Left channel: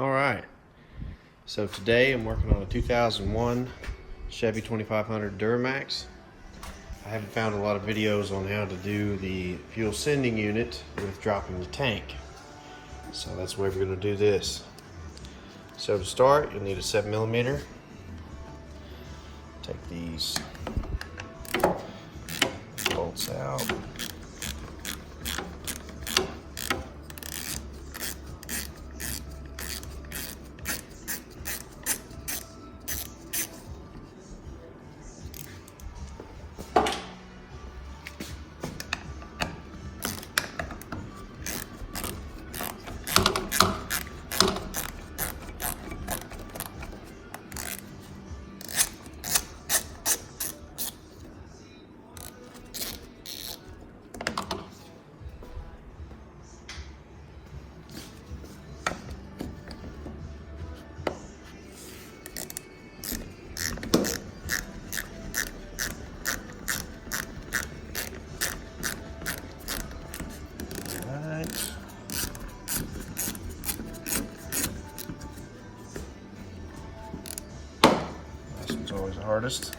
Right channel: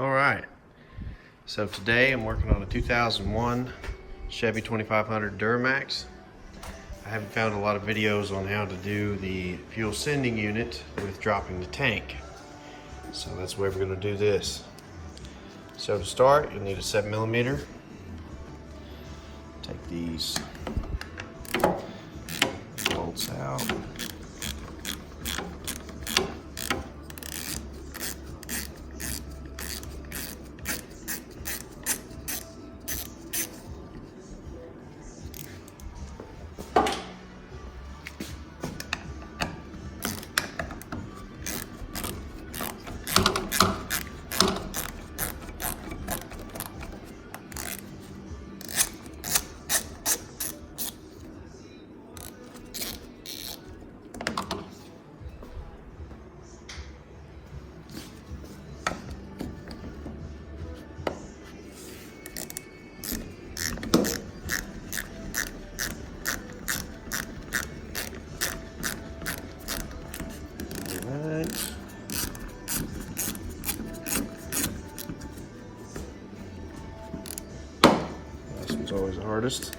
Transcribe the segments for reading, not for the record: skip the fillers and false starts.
Alright, so today I'm working on a 2001 Chevy 2500 Duramax. I haven't found a lot of videos on how to do the fuel sending unit with dropping the tank. So that's where we're going to do this. So to start, you'll need a 7mm. Take these bolts out. This one's always the hardest.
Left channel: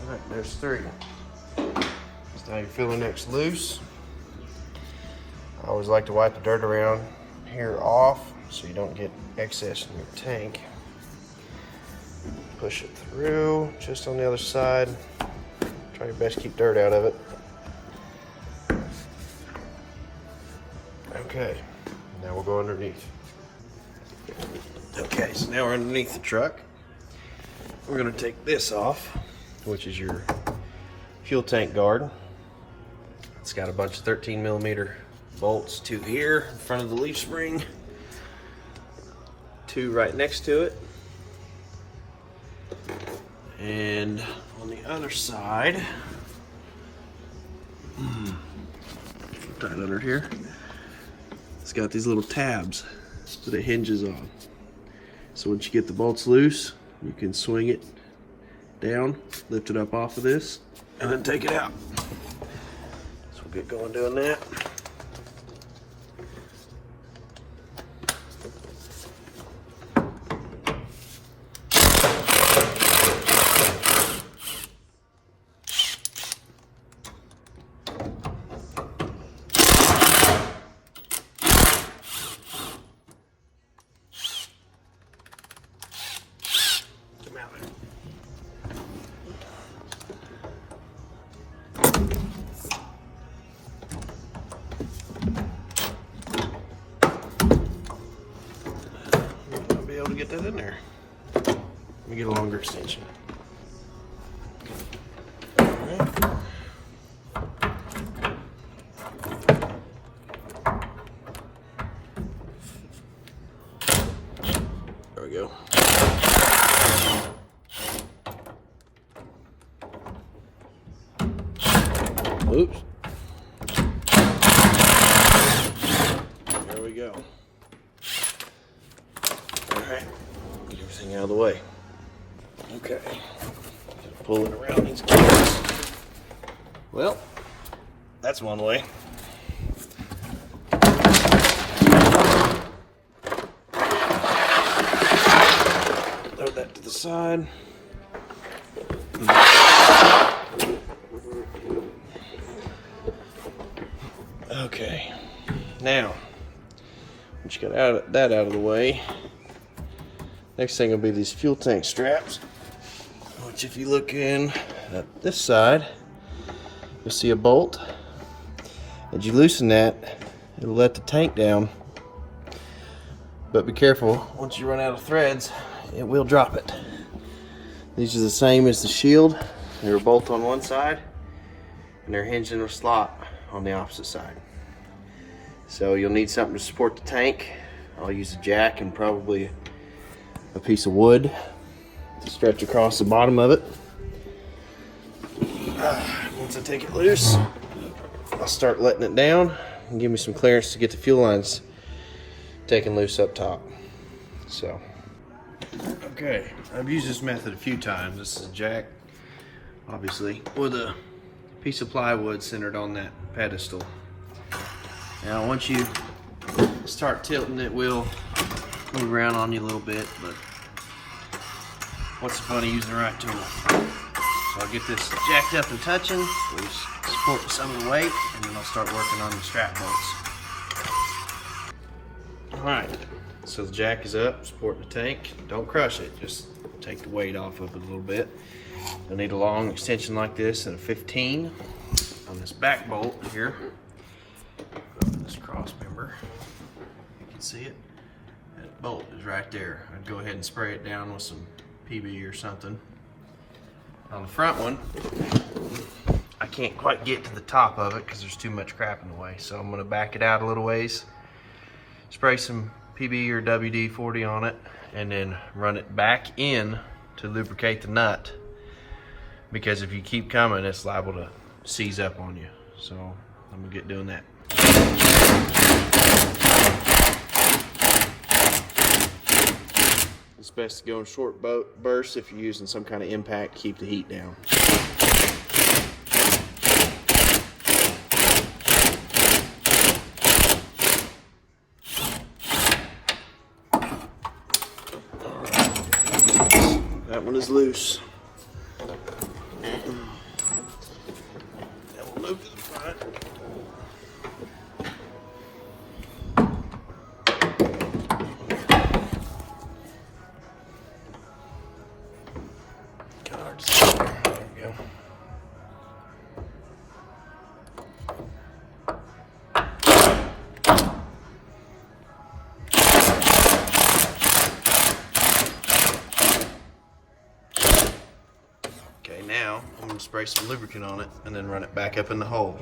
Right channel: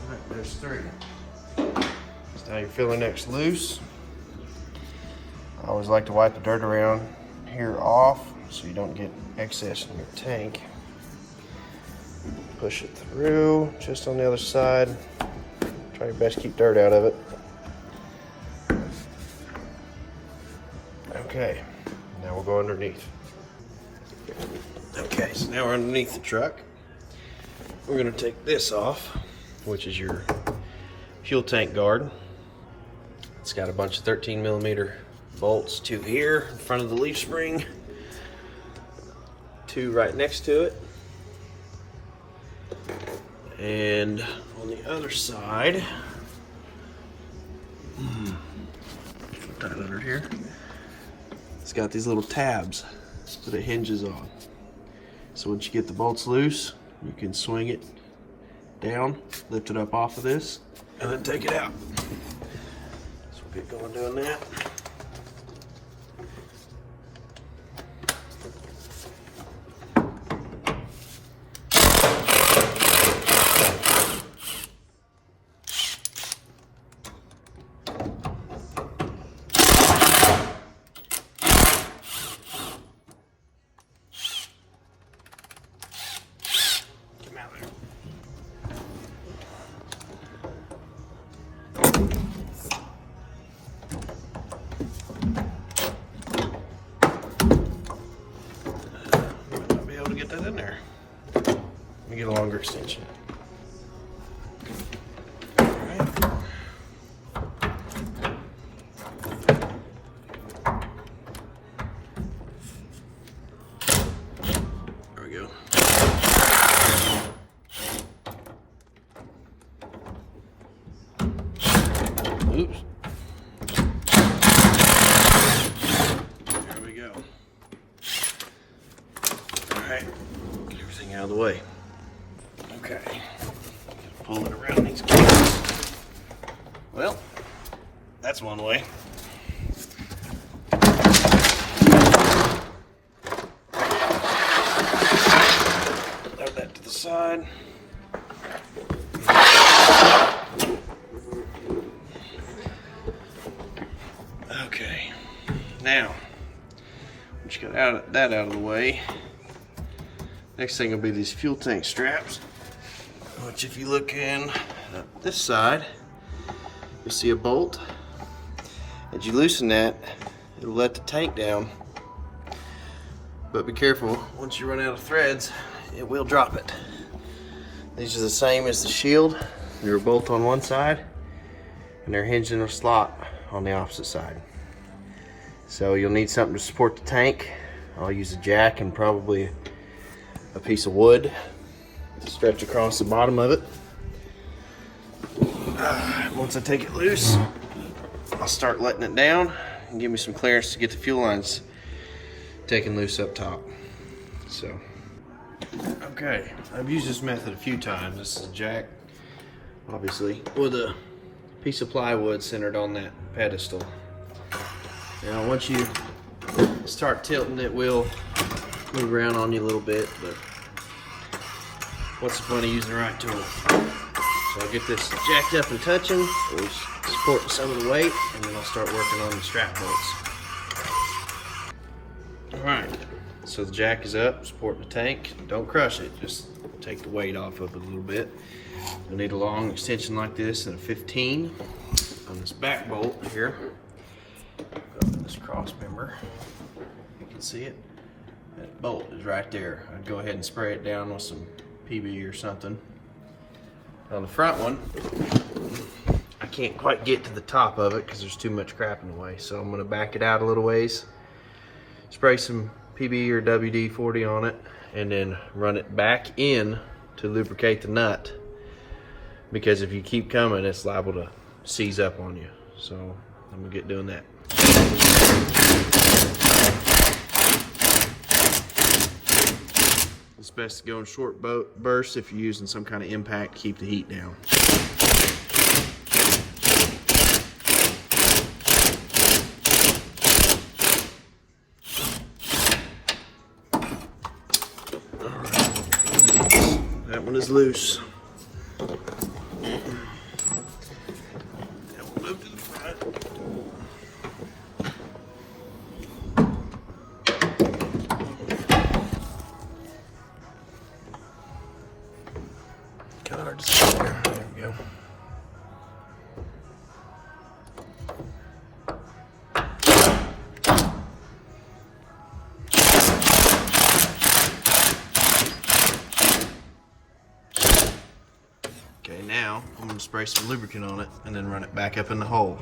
Alright, there's 3. So now your filler neck's loose. I always like to wipe the dirt around here off so you don't get excess in the tank. Push it through, just on the other side. Try your best to keep dirt out of it. Okay, now we'll go underneath. Okay, so now we're underneath the truck. We're going to take this off, which is your fuel tank guard. It's got a bunch of 13mm bolts, 2 here in front of the leaf spring, 2 right next to it, and on the other side, tight under here, it's got these little tabs that it hinges on. So once you get the bolts loose, you can swing it down, lift it up off of this, and then take it out. So we'll get going doing that. Get that in there. Let me get a longer extension. Alright. There we go. Oops. There we go. Alright, get everything out of the way. Okay, pull it around these corners. Well, that's one way. Throw that to the side. Okay, now, once you got that out of the way, next thing will be these fuel tank straps, which if you look in this side, you'll see a bolt. As you loosen that, it'll let the tank down. But be careful, once you run out of threads, it will drop it. These are the same as the shield. They're a bolt on one side, and they're hinged in a slot on the opposite side. So you'll need something to support the tank. I'll use a jack and probably a piece of wood to stretch across the bottom of it. Once I take it loose, I'll start letting it down and give me some clearance to get the fuel lines taken loose up top. So, okay, I've used this method a few times. This is a jack, obviously, with a piece of plywood centered on that pedestal. Now once you start tilting, it will move around on you a little bit, but what's the fun of using the right tool? So I'll get this jacked up and touching, so we support some of the weight, and then I'll start working on the strap points. Alright, so the jack is up, supporting the tank. Don't crush it, just take the weight off of it a little bit. I need a long extension like this and a 15 on this back bolt here. Open this cross member. You can see it. That bolt is right there. I'd go ahead and spray it down with some PB or something. On the front one, I can't quite get to the top of it because there's too much crap in the way. So I'm going to back it out a little ways, spray some PB or WD-40 on it, and then run it back in to lubricate the nut. Because if you keep coming, it's liable to seize up on you. So I'm gonna get doing that. It's best to go in short bursts if you're using some kind of impact to keep the heat down. All right, that one is loose. Move to the front. God, there we go. Okay, now I'm going to spray some lubricant on it and then run it back up in the hole.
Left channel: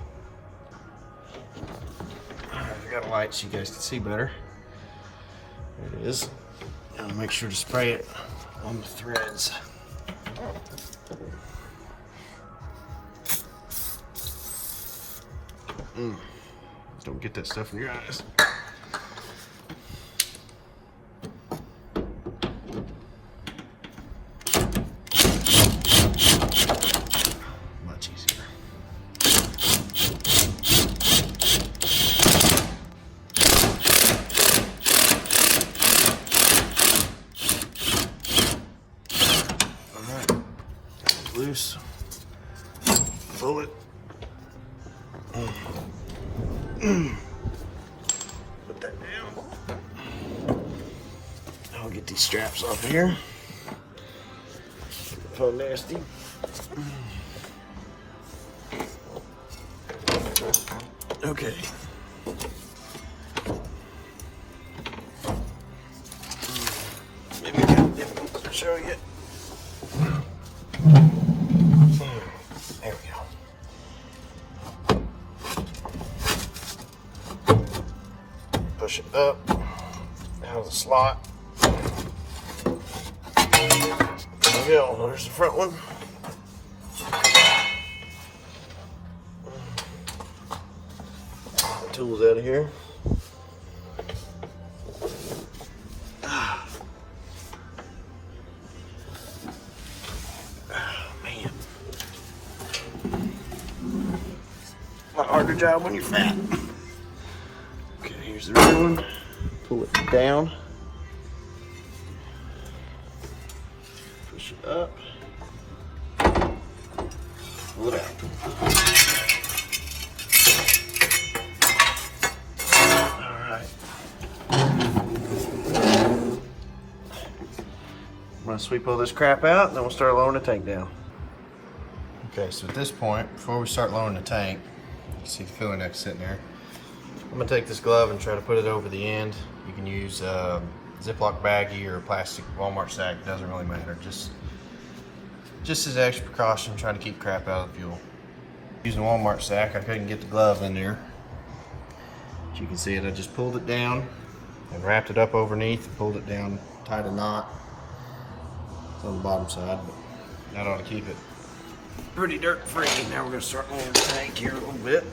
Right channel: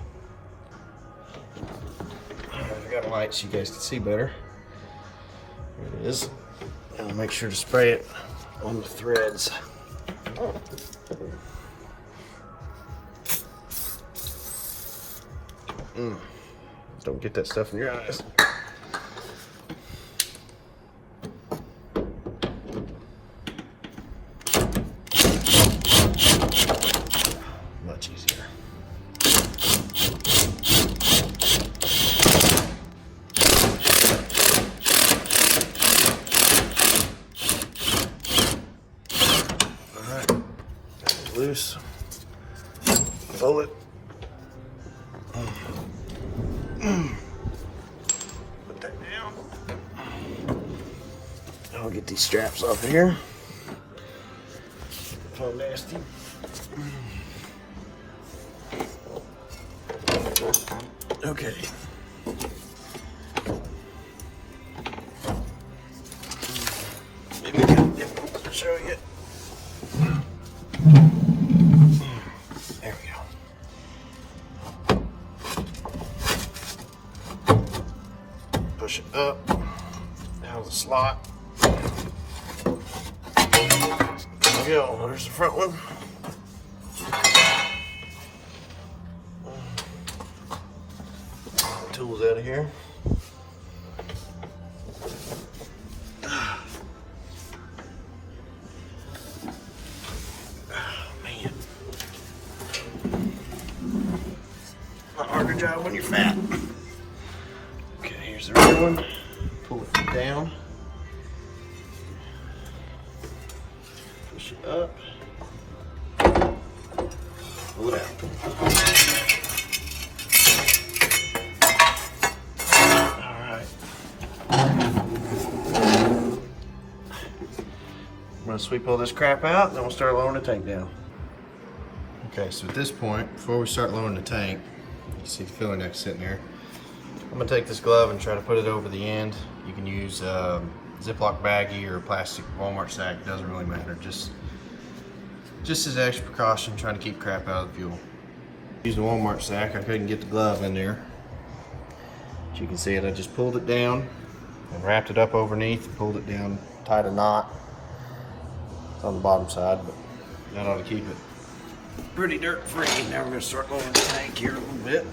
I got a light so you guys can see better. There it is. And make sure to spray it on the threads. Don't get that stuff in your eyes. Much easier. Alright, got it loose. Pull it. Put that down. I'll get these straps off of here. So nasty. Okay. Maybe I'll show you. There we go. Push it up out of the slot. There we go. There's the front one. Tools out of here. Man. A lot harder job when you're fat. Okay, here's the red one. Pull it down. Push it up. Pull it out. I'm going to sweep all this crap out and then we'll start lowering the tank down. Okay, so at this point, before we start lowering the tank, you can see the filler neck sitting there. I'm going to take this glove and try to put it over the end. You can use Ziploc baggie or a plastic Walmart sack, it doesn't really matter. Just as extra precaution, trying to keep crap out of the fuel. Using the Walmart sack, I couldn't get the glove in there. As you can see it, I just pulled it down and wrapped it up underneath and pulled it down, tied a knot on the bottom side, but that ought to keep it pretty dirt free. Now we're going to start lowering the tank here a little bit.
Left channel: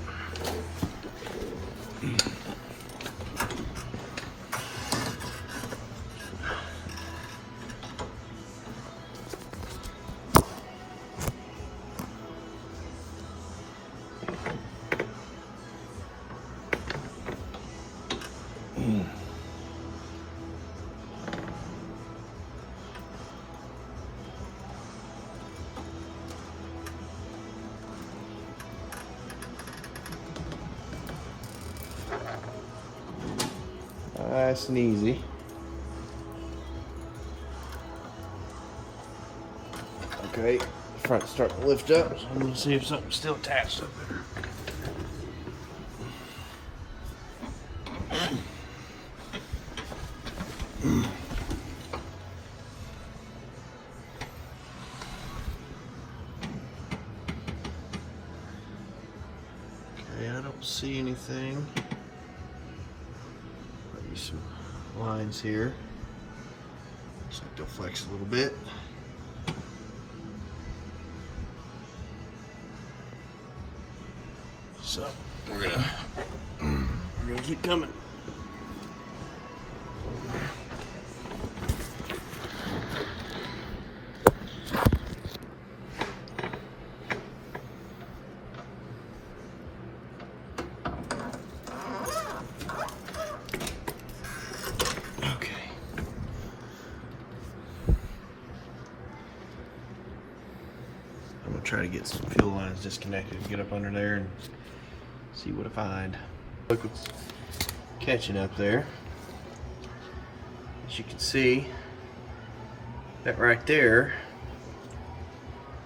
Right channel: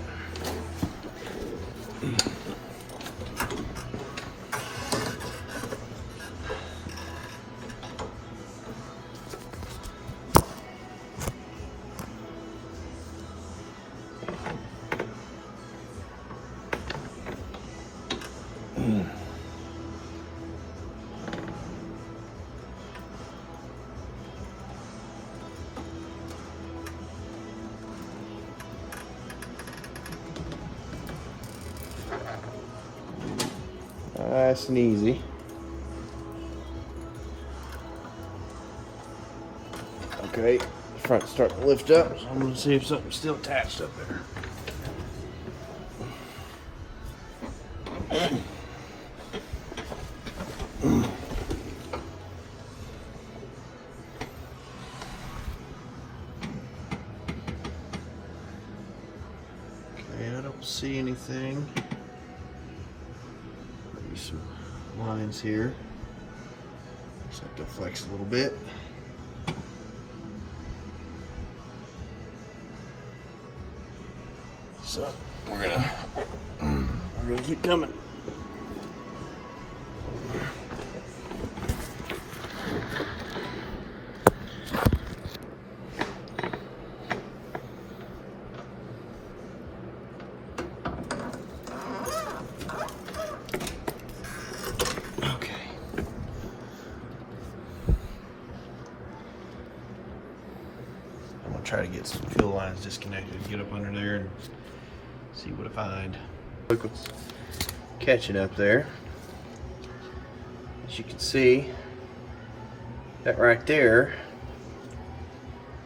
Nice and easy. Okay, front starting to lift up, so I'm going to see if something's still attached up there. Okay, I don't see anything. Maybe some lines here. Just have to flex a little bit. So we're gonna keep coming. Okay. I'm gonna try to get some fuel lines disconnected, get up under there and see what I find. Look, it's catching up there. As you can see, that right there,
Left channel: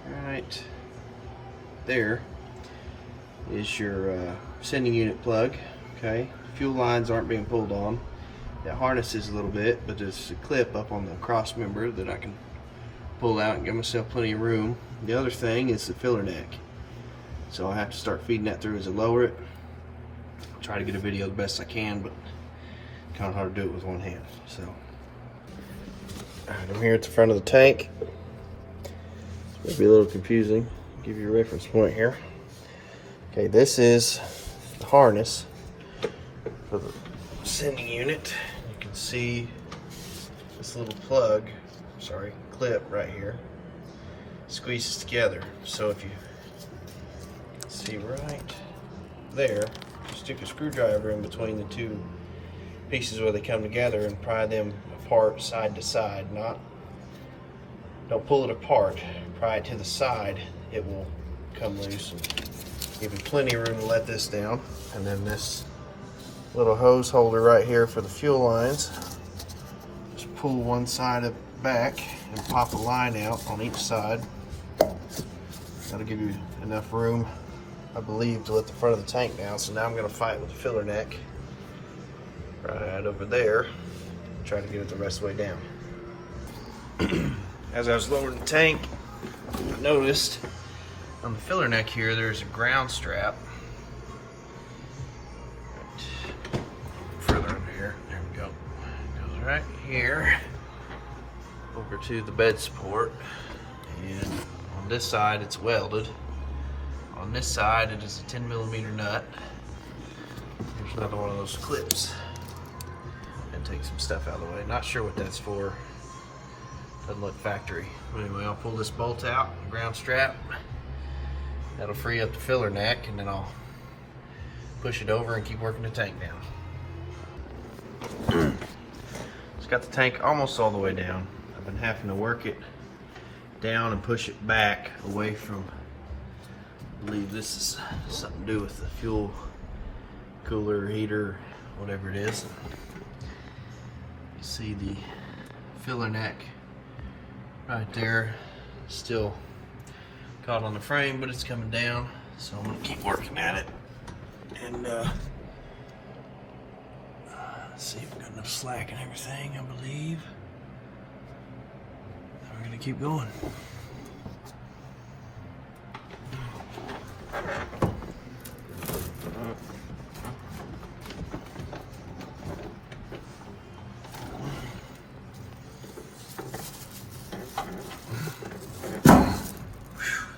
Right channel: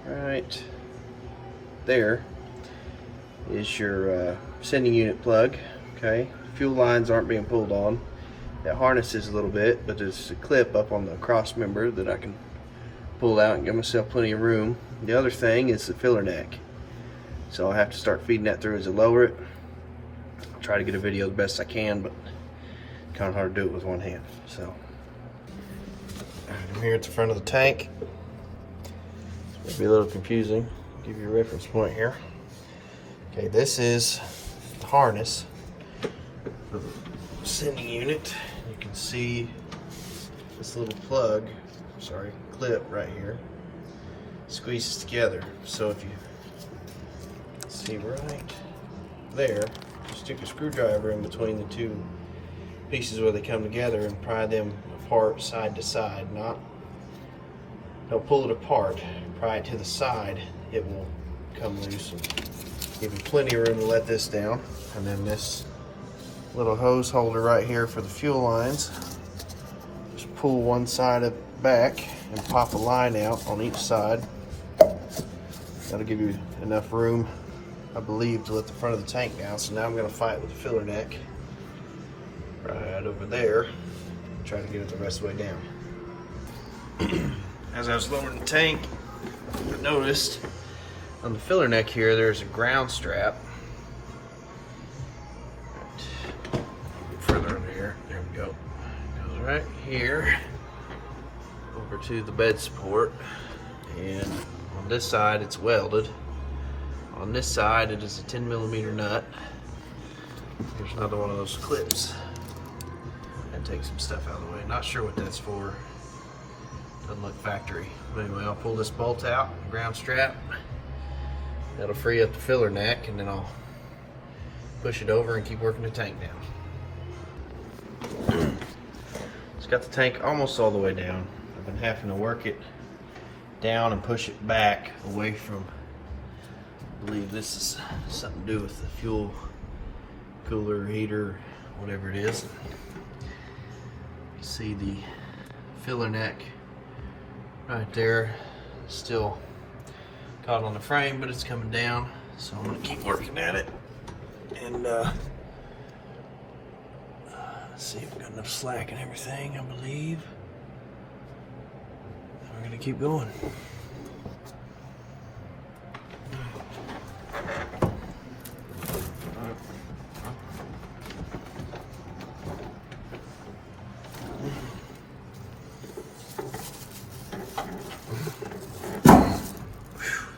right there, is your sending unit plug. Okay, fuel lines aren't being pulled on. That harnesses a little bit, but there's a clip up on the cross member that I can pull out and give myself plenty of room. The other thing is the filler neck. So I have to start feeding that through as I lower it. I'll try to get a video the best I can, but kind of hard to do it with one hand. So, alright, I'm here at the front of the tank. It's gonna be a little confusing. I'll give you a reference point here. Okay, this is the harness for the sending unit. You can see this little plug, clip right here, squeezes together. So if you see right there, stick a screwdriver in between the two pieces where they come together and pry them apart side to side. Don't pull it apart, pry it to the side, it will come loose. Give you plenty of room to let this down. And then this little hose holder right here for the fuel lines. Just pull one side of it back and pop a line out on each side. That'll give you enough room, I believe, to let the front of the tank down. So now I'm going to fight with the filler neck right over there. Try to get it the rest of the way down. As I was lowering the tank, I noticed on the filler neck here there's a ground strap. Further under here, there we go. Goes right here over to the bed support, and on this side it's welded. On this side it is a 10mm nut. Here's another one of those clips. And take some stuff out of the way. Not sure what that's for. Doesn't look factory. But anyway, I'll pull this bolt out, ground strap. That'll free up the filler neck, and then I'll push it over and keep working the tank down. It's got the tank almost all the way down. I've been having to work it down and push it back away from, I believe this is something to do with the fuel cooler, heater, whatever it is. You see the filler neck right there, still caught on the frame, but it's coming down. So I'm gonna keep working at it and see if we got enough slack and everything, I believe. We're gonna keep going.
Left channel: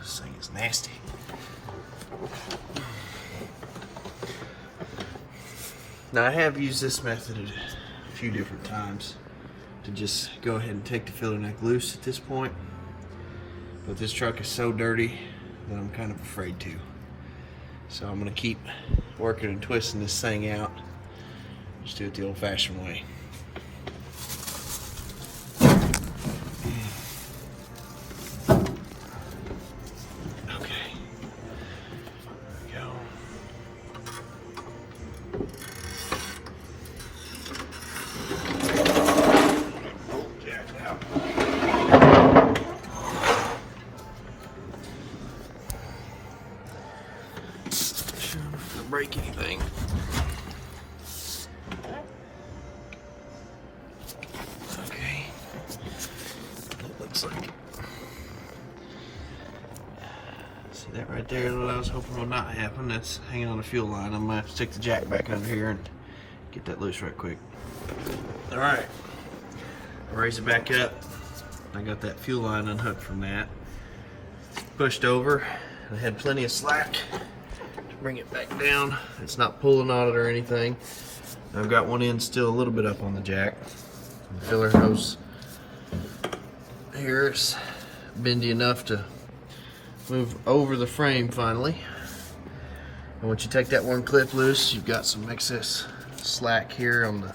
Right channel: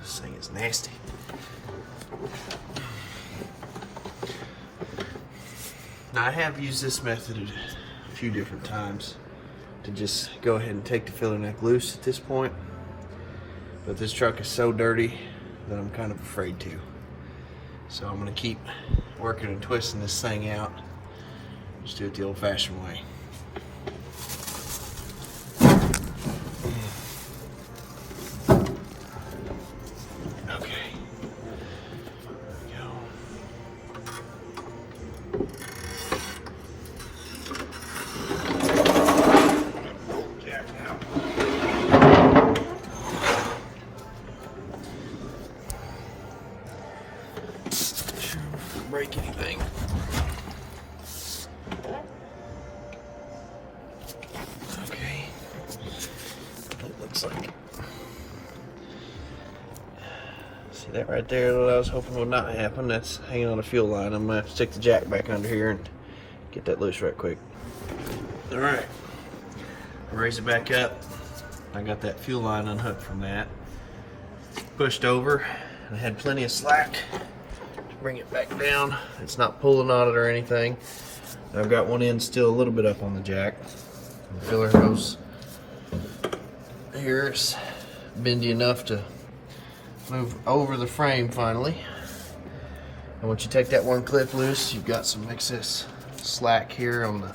This thing is nasty. Now I have used this method a few different times to just go ahead and take the filler neck loose at this point, but this truck is so dirty that I'm kind of afraid to. So I'm going to keep working and twisting this thing out Just do it the old-fashioned way. Okay. There we go. Jack out. Break anything. Okay. It looks like. See that right there that I was hoping would not happen? That's hanging on a fuel line. I'm gonna have to stick the jack back under here and get that loose right quick. Alright. Raise it back up. I got that fuel line unhooked from that. Pushed over. I had plenty of slack to bring it back down. It's not pulling on it or anything. I've got one end still a little bit up on the jack. The filler hose here is bendy enough to move over the frame finally. And once you take that one clip loose, you've got some excess slack here on the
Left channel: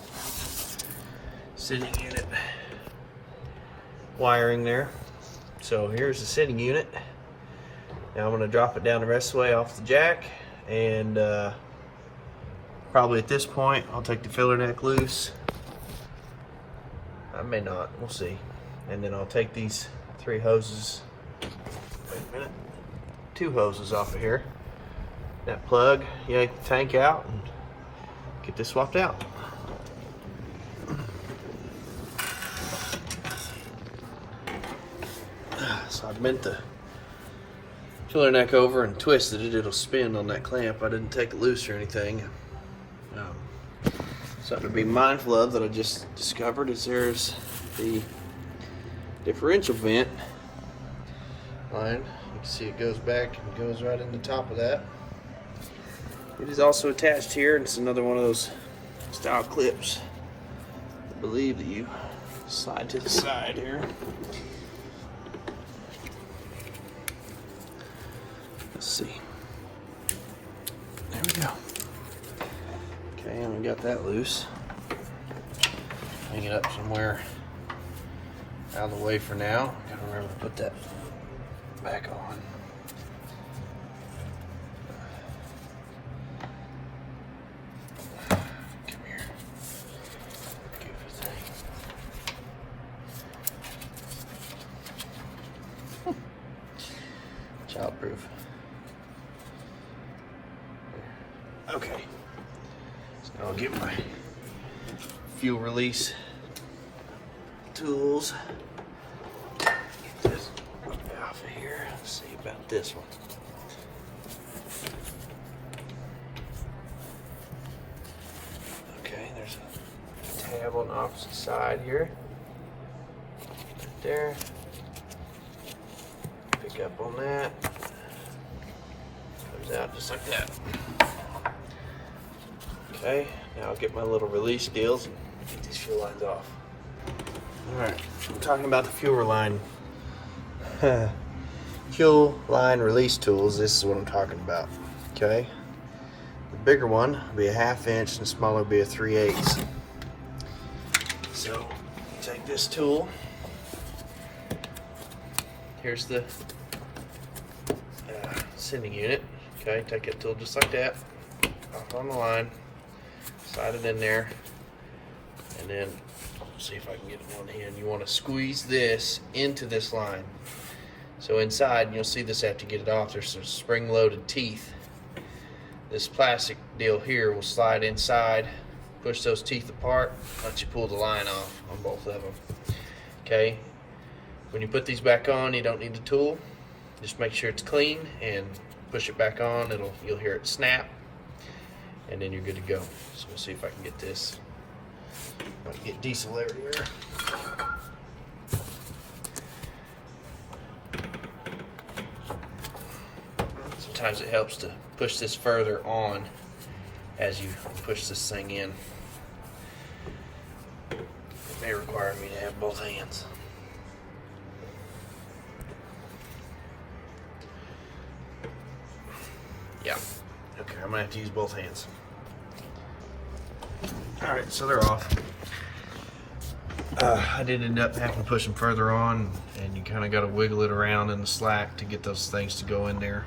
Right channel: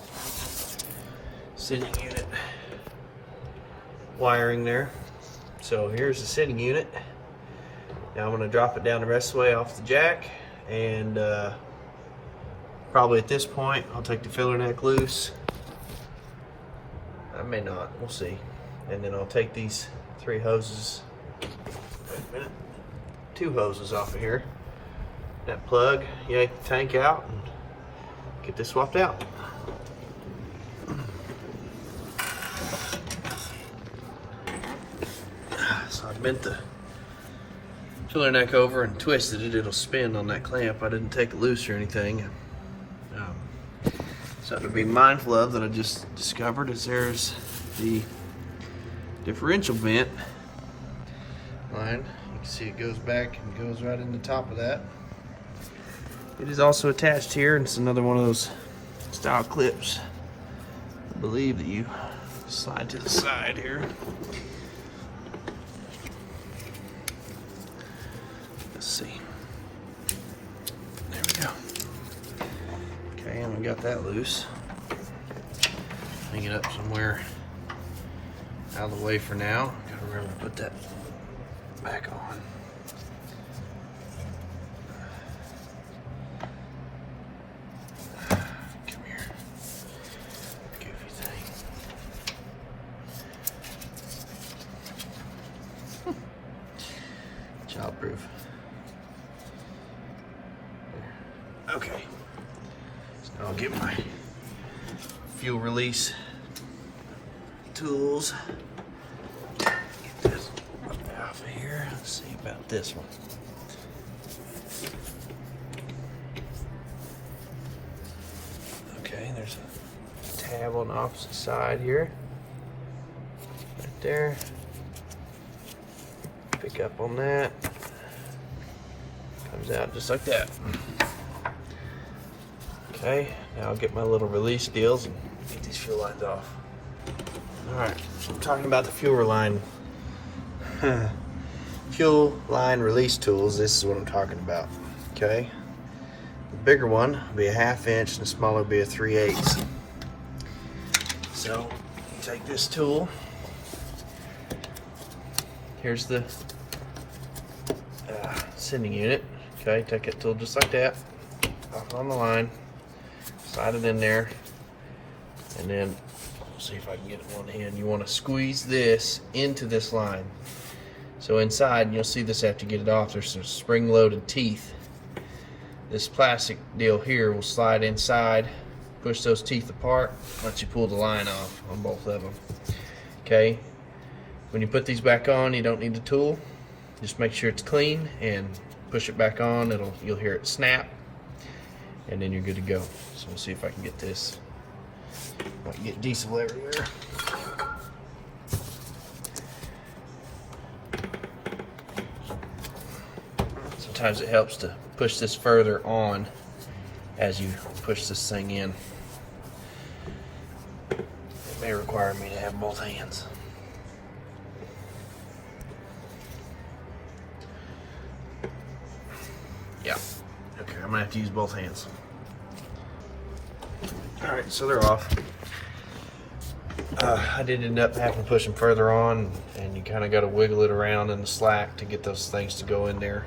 sitting unit wiring there. So here's the sitting unit. Now I'm going to drop it down the rest of the way off the jack, and probably at this point I'll take the filler neck loose. I may not, we'll see. And then I'll take these 3 hoses, wait a minute, 2 hoses off of here. That plug, yank the tank out and get this swapped out. So I bent the filler neck over and twisted it. It'll spin on that clamp. I didn't take it loose or anything. Something to be mindful of that I just discovered is there's the differential vent line. You can see it goes back and goes right in the top of that. It is also attached here, and it's another one of those style clips, I believe, that you slide to the side here. Let's see. There we go. Okay, and we got that loose. Hang it up somewhere out of the way for now. Gotta remember to put that back on. Come here. Goofy thing. Childproof. Okay. So I'll get my fuel release tools. Get this off of here. Let's see about this one. Okay, there's a tab on the opposite side here. Right there. Pick up on that. Comes out just like that. Okay, now I'll get my little release deals and get these fuel lines off. Alright, I'm talking about the fuel line release tools. This is what I'm talking about. Okay, the bigger one will be a 1/2 inch and the smaller will be a 3/8. So take this tool. Here's the sending unit. Okay, take that tool just like that, up on the line. Slide it in there, and then let's see if I can get it on hand. You want to squeeze this into this line. So inside, and you'll see this after you get it off, there's some spring-loaded teeth. This plastic deal here will slide inside, push those teeth apart, let you pull the line off on both of them. Okay. When you put these back on, you don't need the tool. Just make sure it's clean and push it back on. You'll hear it snap. And then you're good to go. So we'll see if I can get this. I can get diesel everywhere. Sometimes it helps to push this further on as you push this thing in. It may require me to have both hands. Yeah. Okay, I'm gonna have to use both hands. All right, so they're off. I did end up having to push them further on, and you kind of got to wiggle it around in the slack to get those things to go in there.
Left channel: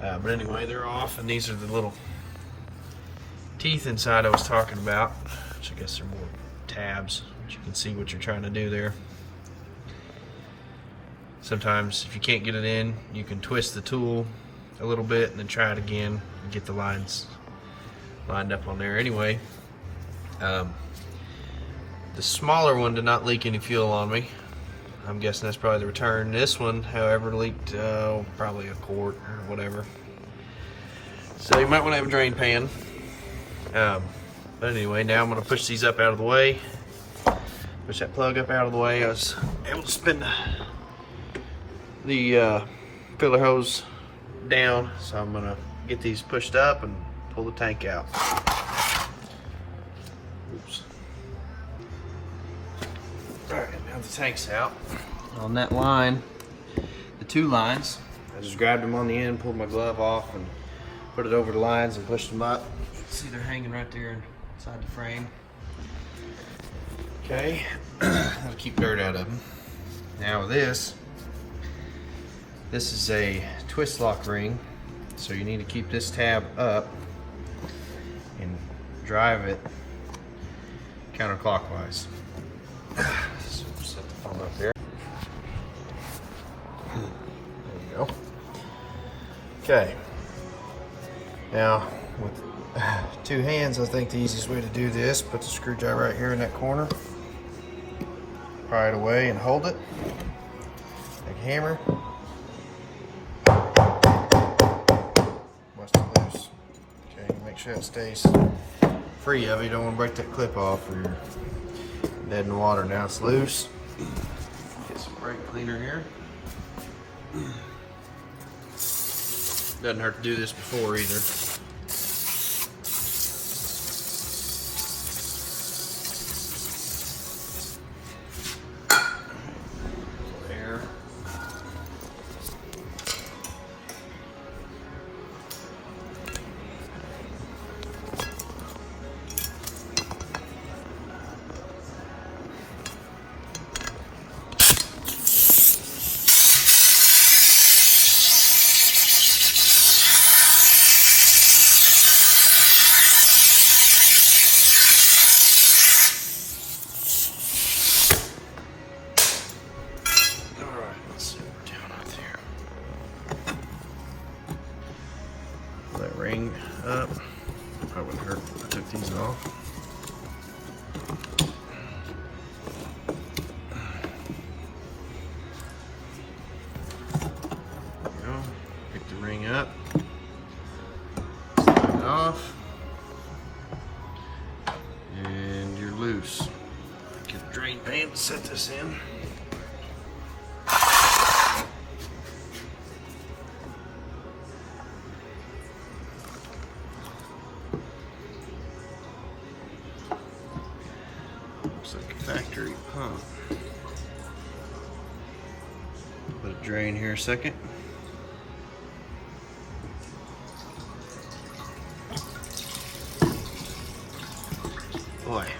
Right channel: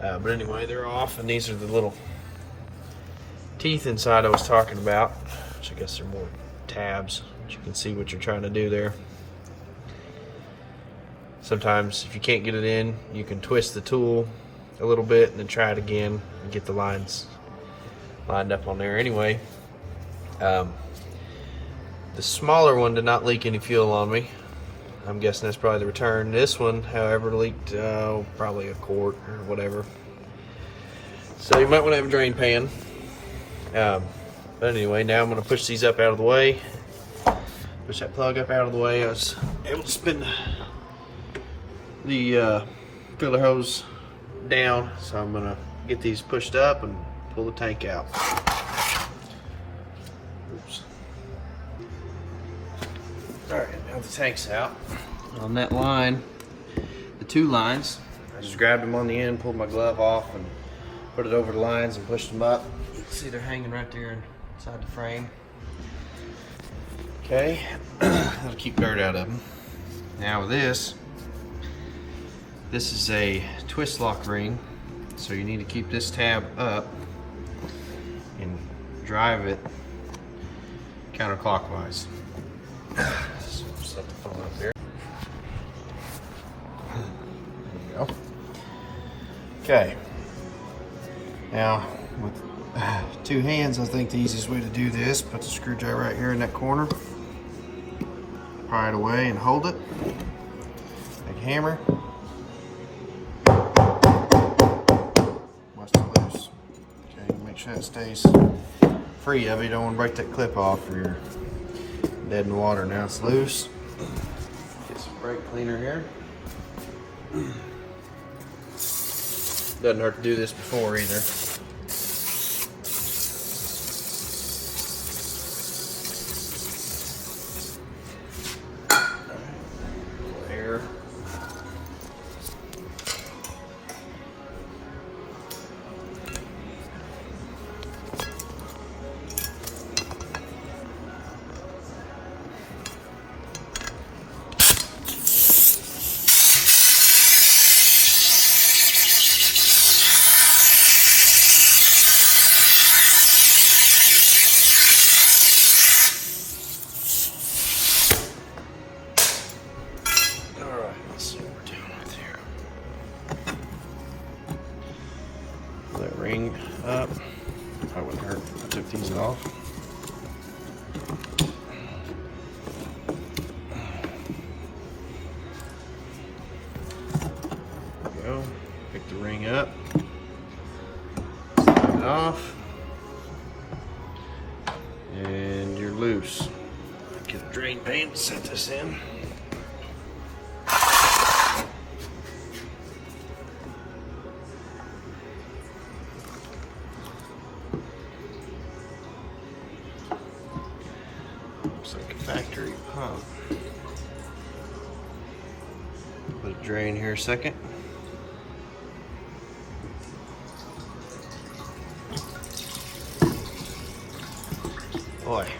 But anyway, they're off, and these are the little teeth inside I was talking about, which I guess are more tabs. You can see what you're trying to do there. Sometimes if you can't get it in, you can twist the tool a little bit and then try it again and get the lines lined up on there. Anyway, the smaller one did not leak any fuel on me. I'm guessing that's probably the return. This one, however, leaked probably a quart or whatever. So you might want to have a drain pan. But anyway, now I'm going to push these up out of the way. Push that plug up out of the way. I was able to spin the filler hose down, so I'm going to get these pushed up and pull the tank out. Oops. Alright, now the tank's out. On that line, the two lines, I just grabbed them on the end, pulled my glove off, and put it over the lines and pushed them up. See, they're hanging right there inside the frame. Okay, I'll keep dirt out of them. Now with this is a twist lock ring, so you need to keep this tab up and drive it counterclockwise. So set the phone up there. There you go. Okay. Now with two hands, I think the easiest way to do this, put the screwdriver right here in that corner, pry it away and hold it. Big hammer. Watch it loose. Okay, make sure it stays free of it. You don't want to break that clip off or you're dead in the water. Now it's loose. Get some brake cleaner here. Doesn't hurt to do this before either. Air. That ring up. Probably wouldn't hurt if I took these off. There we go. Pick the ring up. Slide it off. And you're loose. Get a drain pan to set this in. Looks like a factory pump. Put a drain here a second. Boy,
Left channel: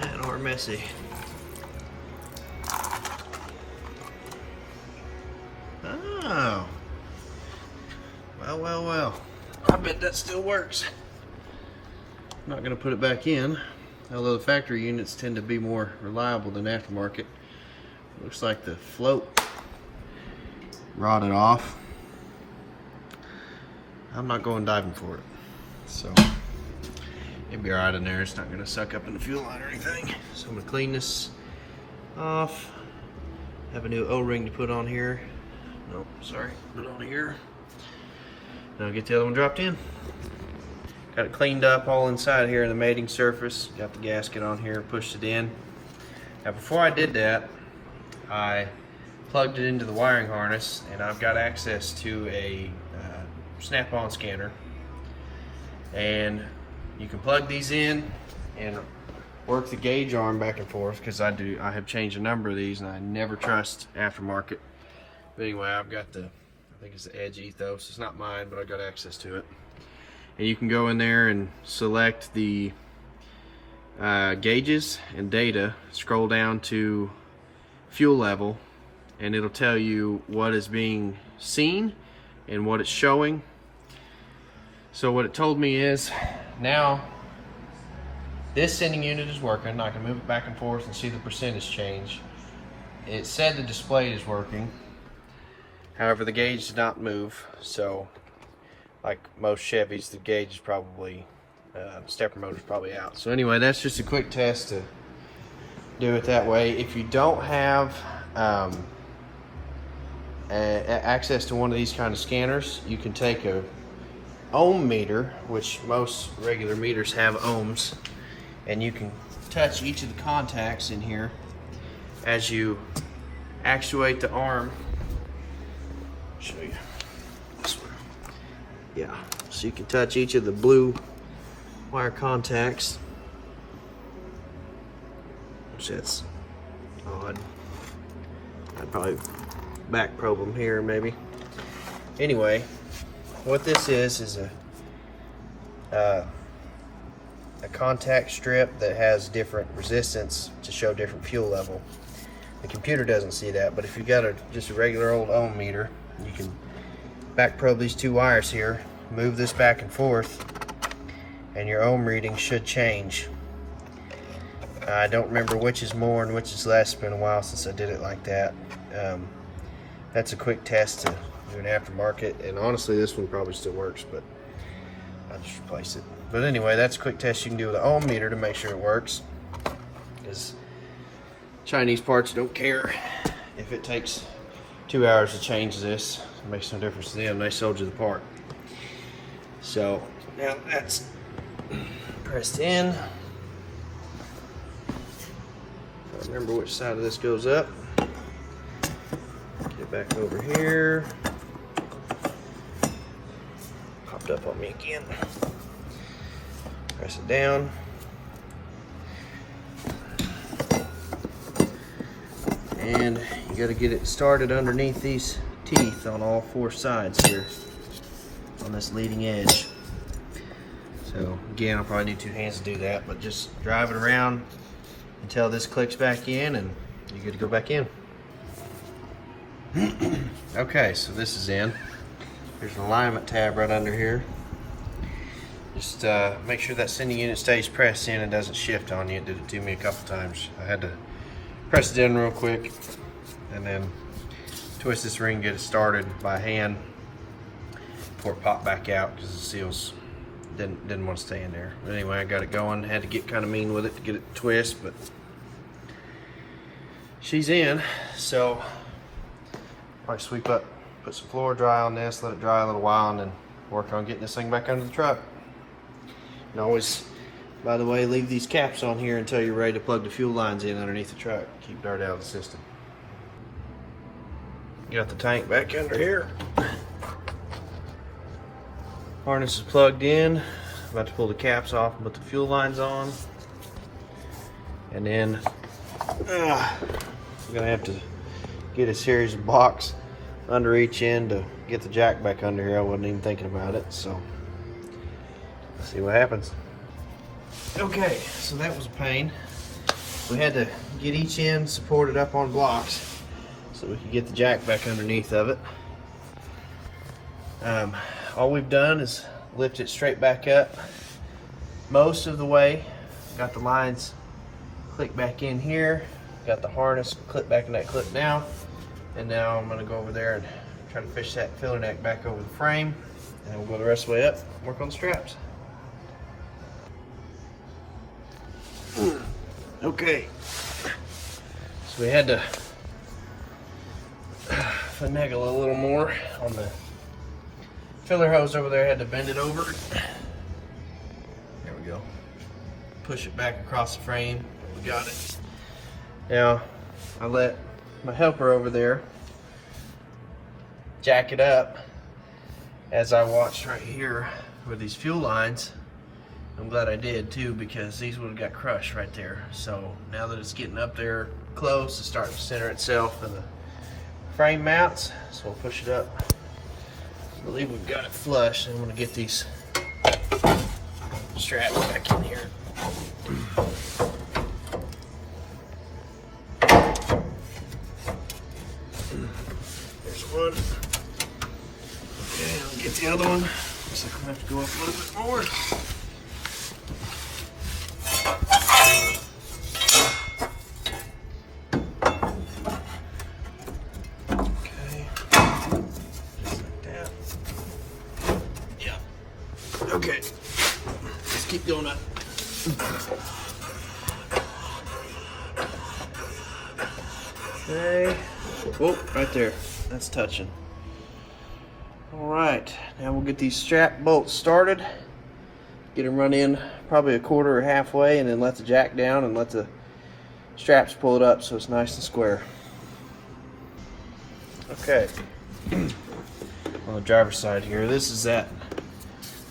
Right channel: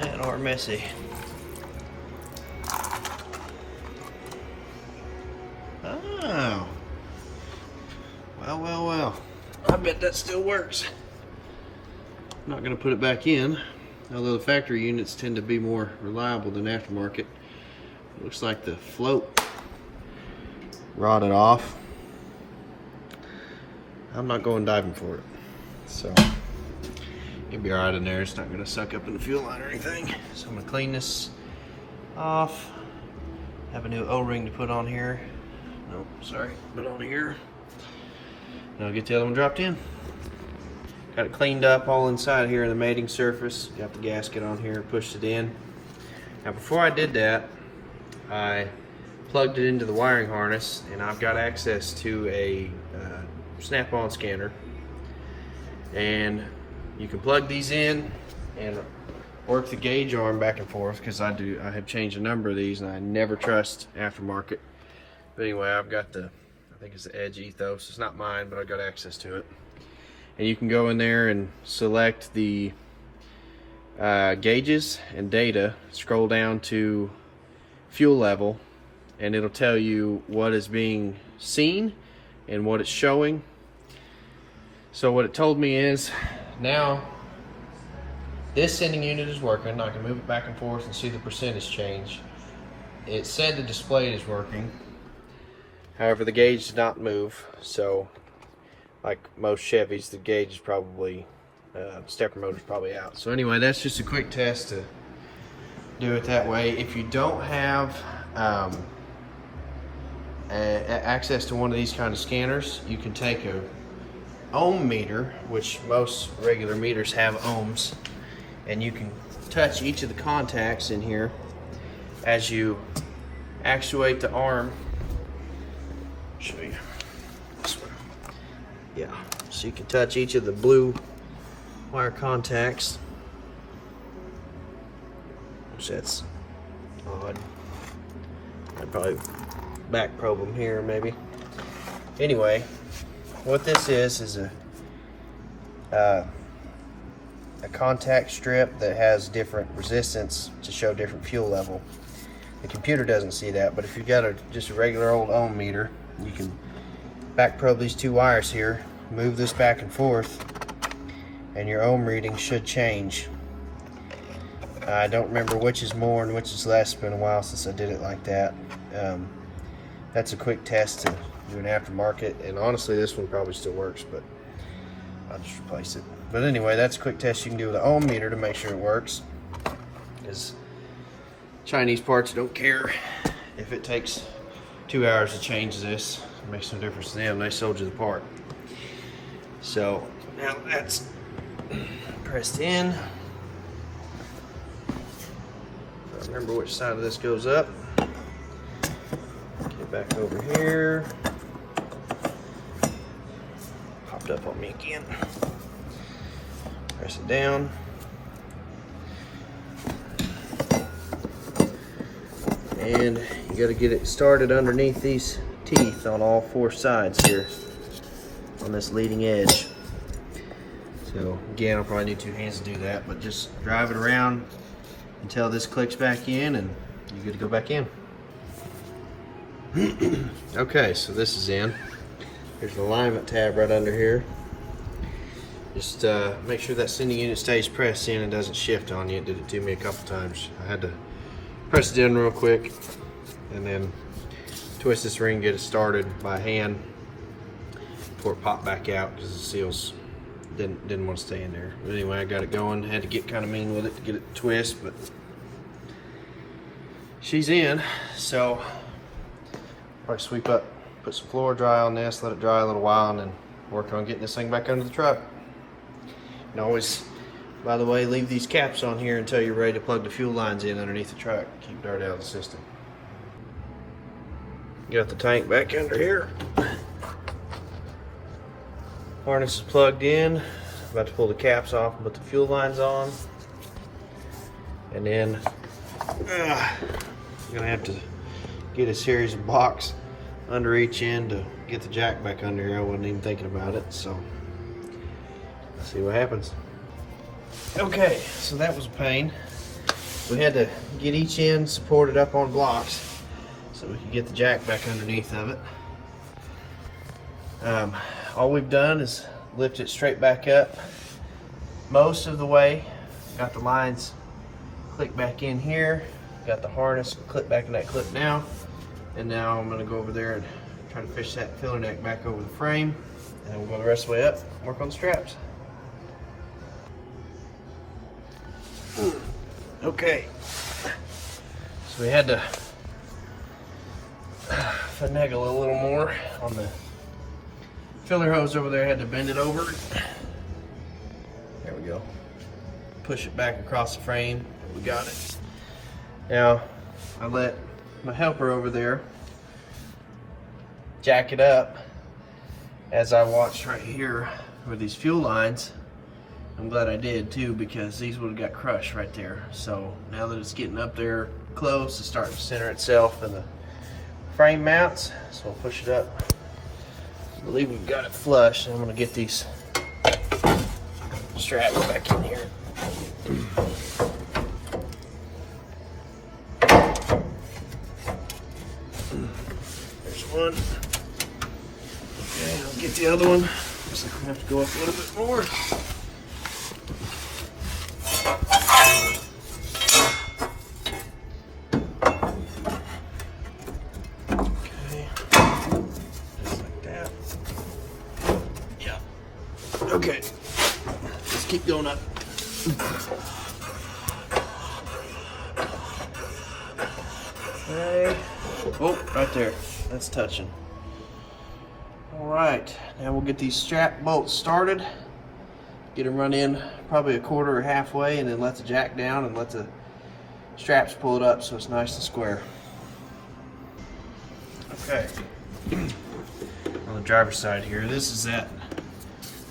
that are messy. Oh, well. I bet that still works. I'm not going to put it back in, although the factory units tend to be more reliable than aftermarket. Looks like the float rotted off. I'm not going diving for it, so it'll be alright in there. It's not going to suck up in the fuel line or anything. So I'm going to clean this off. Have a new O-ring to put on here. Nope, sorry, put it on here. Now I'll get the other one dropped in. Got it cleaned up all inside here in the mating surface. Got the gasket on here, pushed it in. Now before I did that, I plugged it into the wiring harness, and I've got access to a snap-on scanner. And you can plug these in and work the gauge arm back and forth, because I have changed a number of these and I never trust aftermarket. But anyway, I've got I think it's the Edge Ethos. It's not mine, but I got access to it. and you can go in there and select the gauges and data, scroll down to fuel level, and it'll tell you what is being seen and what it's showing. So what it told me is, now this sending unit is working. I can move it back and forth and see the percentage change. It said the display is working. However, the gauge did not move. So like most Chevys, the gauge is probably, stepper motor is probably out. So anyway, that's just a quick test to do it that way. If you don't have access to one of these kind of scanners, you can take a ohm meter, which most regular meters have ohms, and you can touch each of the contacts in here as you actuate the arm. I'll show you. Yeah, so you can touch each of the blue wire contacts, which that's odd. I'd probably back probe them here maybe. Anyway, what this is a contact strip that has different resistance to show different fuel level. The computer doesn't see that, but if you got just a regular old ohm meter, you can back probe these two wires here, move this back and forth, and your ohm reading should change. I don't remember which is more and which is less. It's been a while since I did it like that. That's a quick test to do an aftermarket, and honestly this one probably still works, but I'll just replace it. But anyway, that's a quick test you can do with an ohm meter to make sure it works, because Chinese parts don't care if it takes 2 hours to change this. It makes no difference to them. They sold you the part. So now that's pressed in. Remember which side of this goes up. Get back over here. Popped up on me again. Press it down. And you got to get it started underneath these teeth on all 4 sides here on this leading edge. So again, I'll probably need 2 hands to do that, but just drive it around until this clicks back in and you're good to go back in. Okay, so this is in. There's an alignment tab right under here. Just make sure that sending unit stays pressed in and doesn't shift on you. It did it to me a couple times. I had to press it in real quick and then twist this ring, get it started by hand before it popped back out because the seals didn't want to stay in there. But anyway, I got it going. Had to get kind of mean with it to get it to twist, but she's in. So probably sweep up, put some floor dry on this, let it dry a little while, and then work on getting this thing back under the truck. And always, by the way, leave these caps on here until you're ready to plug the fuel lines in underneath the truck. Keep dirt out of the system. Got the tank back under here. Harness is plugged in. About to pull the caps off and put the fuel lines on. And then I'm gonna have to get a series of blocks under each end to get the jack back under here. I wasn't even thinking about it, so let's see what happens. Okay, so that was a pain. We had to get each end supported up on blocks so we could get the jack back underneath of it. All we've done is lift it straight back up most of the way. Got the lines click back in here. Got the harness clip back in that clip now. And now I'm going to go over there and try to fish that filler neck back over the frame. And we'll go the rest of the way up and work on the straps. Okay. So we had to finagle a little more on the filler hose over there. Had to bend it over. There we go. Push it back across the frame. We got it. Now I let my helper over there jack it up as I watched right here with these fuel lines. I'm glad I did too, because these would have got crushed right there. So now that it's getting up there close, it's starting to center itself in the frame mounts. So I'll push it up. I believe we've got it flush. I'm going to get these strap back in here. There's one. Okay, I'll get the other one. Looks like we'll have to go up a little bit more. Okay, let's keep going up. Okay. Oh, right there. That's touching. Alright, now we'll get these strap bolts started. Get them run in probably a quarter or halfway, and then let the jack down and let the straps pull it up so it's nice and square. Okay. On the driver's side here, this is that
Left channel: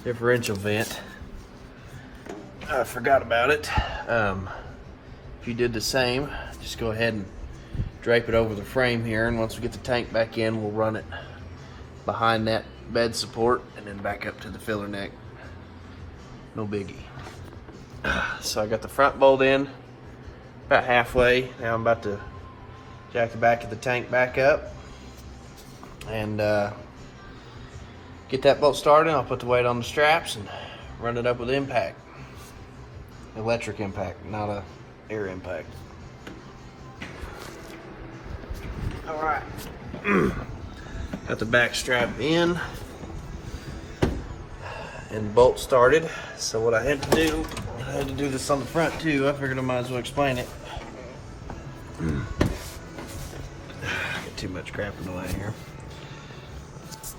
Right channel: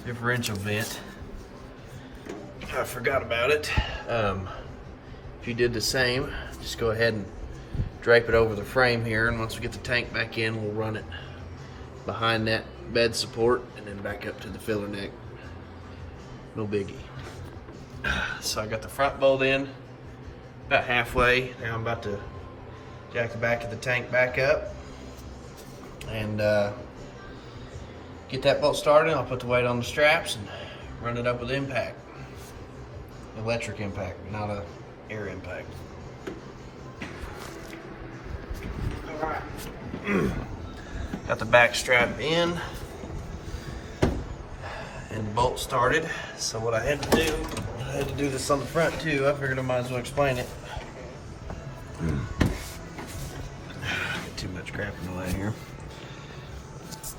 differential vent. I forgot about it. If you did the same, just go ahead and drape it over the frame here, and once we get the tank back in, we'll run it behind that bed support and then back up to the filler neck. No biggie. So I got the front bolt in about halfway. Now I'm about to jack the back of the tank back up and get that bolt started. I'll put the weight on the straps and run it up with impact. Electric impact, not a air impact. Alright. Got the back strap in and the bolt started. So what I had to do this on the front too. I figured I might as well explain it. Got too much crap in the way here.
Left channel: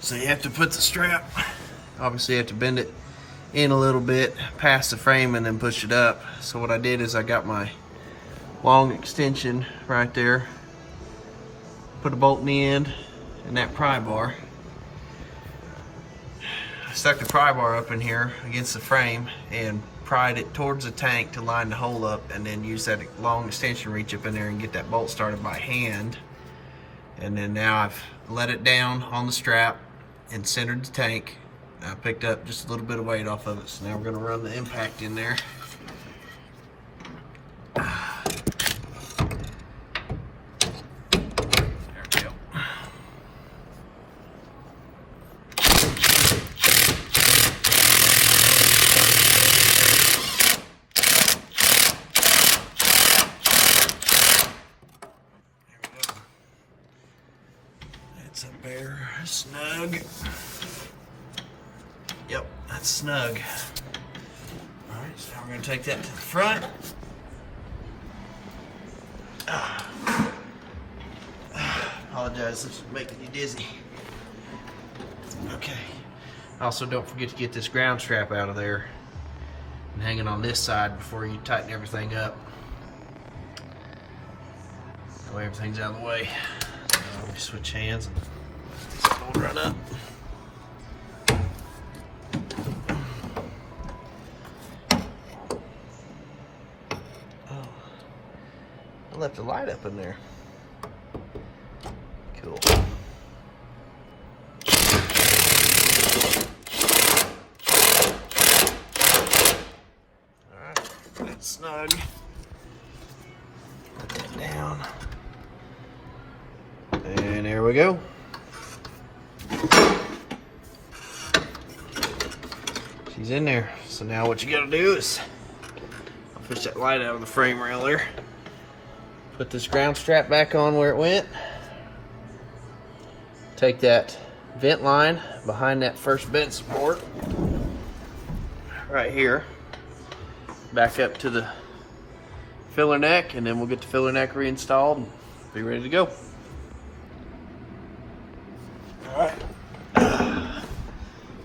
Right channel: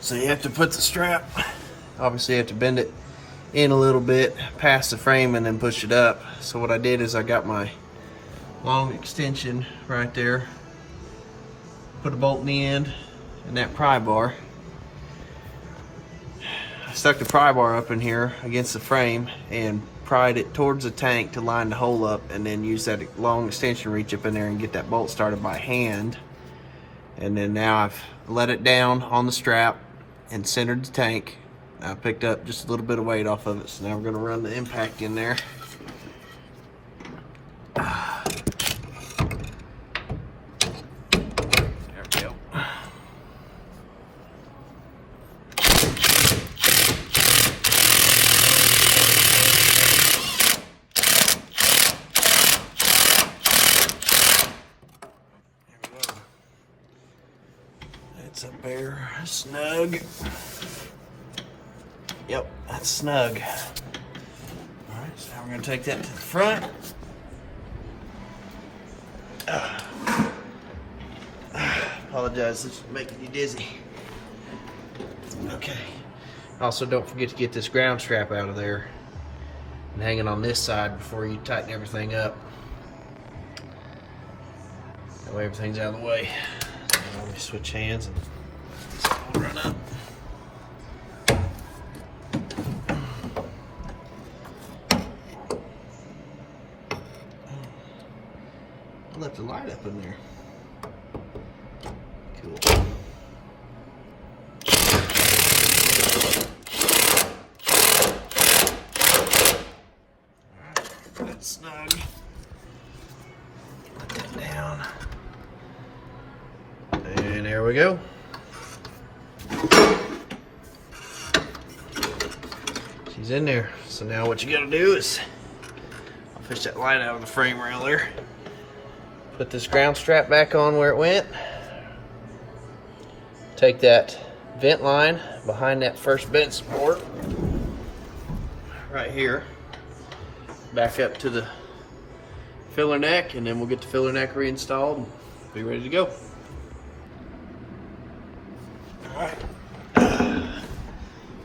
So you have to put the strap, obviously you have to bend it in a little bit past the frame and then push it up. So what I did is I got my long extension right there, put a bolt in the end and that pry bar. I stuck the pry bar up in here against the frame and pried it towards the tank to line the hole up, and then use that long extension reach up in there and get that bolt started by hand. And then now I've let it down on the strap and centered the tank. I picked up just a little bit of weight off of it, so now we're going to run the impact in there. There we go. That's up there, snug. Yep, that's snug. Alright, so now we're going to take that to the front. Apologize, this is making you dizzy. Okay. Also, don't forget to get this ground strap out of there and hang it on this side before you tighten everything up. That way everything's out of the way. So let me switch hands and run up. I left the light up in there. Cool. Alright, that's snug. Put that down. And there we go. She's in there. So now what you gotta do is, I'll fish that light out of the frame rail there. Put this ground strap back on where it went. Take that vent line behind that first bed support right here, back up to the filler neck, and then we'll get the filler neck reinstalled and be ready to go. Alright.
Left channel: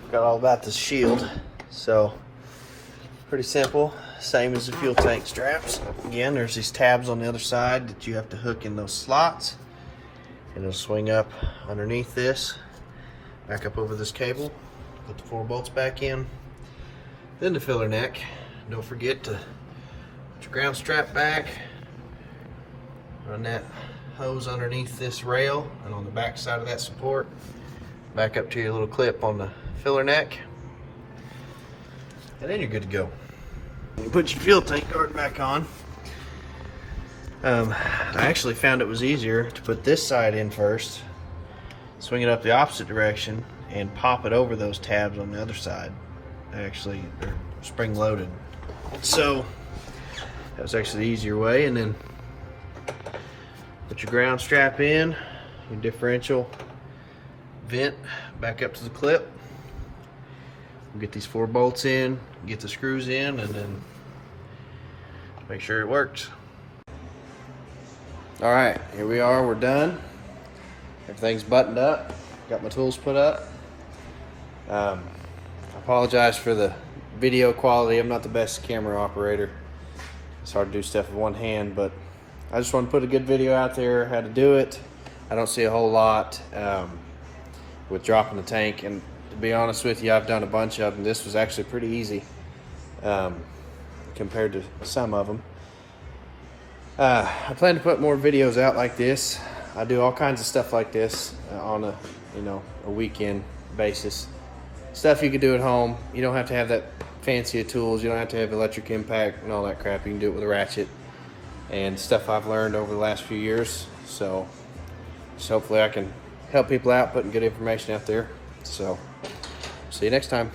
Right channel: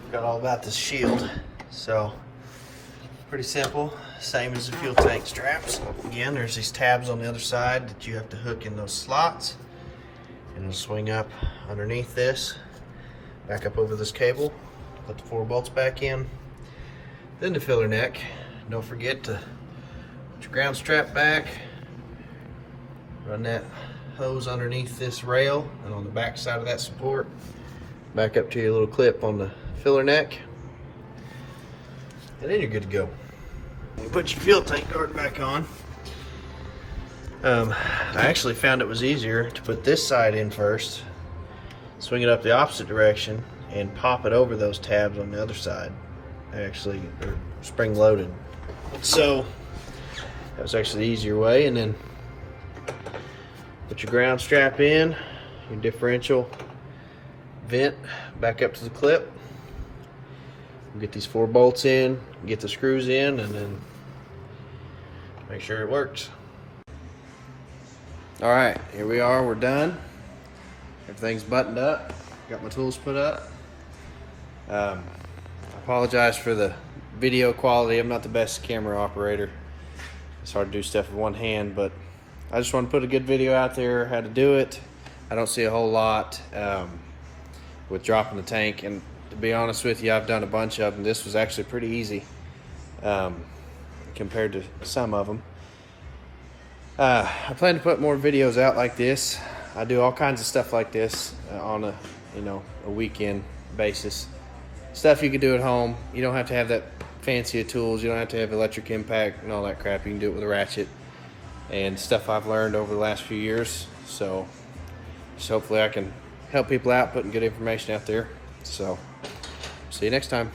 Forgot all about this shield. So pretty simple. Same as the fuel tank straps. Again, there's these tabs on the other side that you have to hook in those slots, and it'll swing up underneath this, back up over this cable, put the 4 bolts back in, then the filler neck. Don't forget to put your ground strap back, run that hose underneath this rail and on the back side of that support, back up to your little clip on the filler neck. and then you're good to go. Put your fuel tank guard back on. I actually found it was easier to put this side in first, swing it up the opposite direction, and pop it over those tabs on the other side. They actually are spring loaded. So that was actually the easier way. And then put your ground strap in, your differential vent back up to the clip. Get these 4 bolts in, get the screws in, and then make sure it works. All right, here we are, we're done. Everything's buttoned up, got my tools put up. I apologize for the video quality. I'm not the best camera operator. It's hard to do stuff with one hand, but I just want to put a good video out there, how to do it. I don't see a whole lot with dropping the tank, and to be honest with you, I've done a bunch of them. This was actually pretty easy compared to some of them. I plan to put more videos out like this. I do all kinds of stuff like this on a a weekend basis. Stuff you can do at home. You don't have to have that fancy of tools. You don't have to have electric impact and all that crap. You can do it with a ratchet and stuff I've learned over the last few years. So hopefully I can help people out, putting good information out there. So see you next time.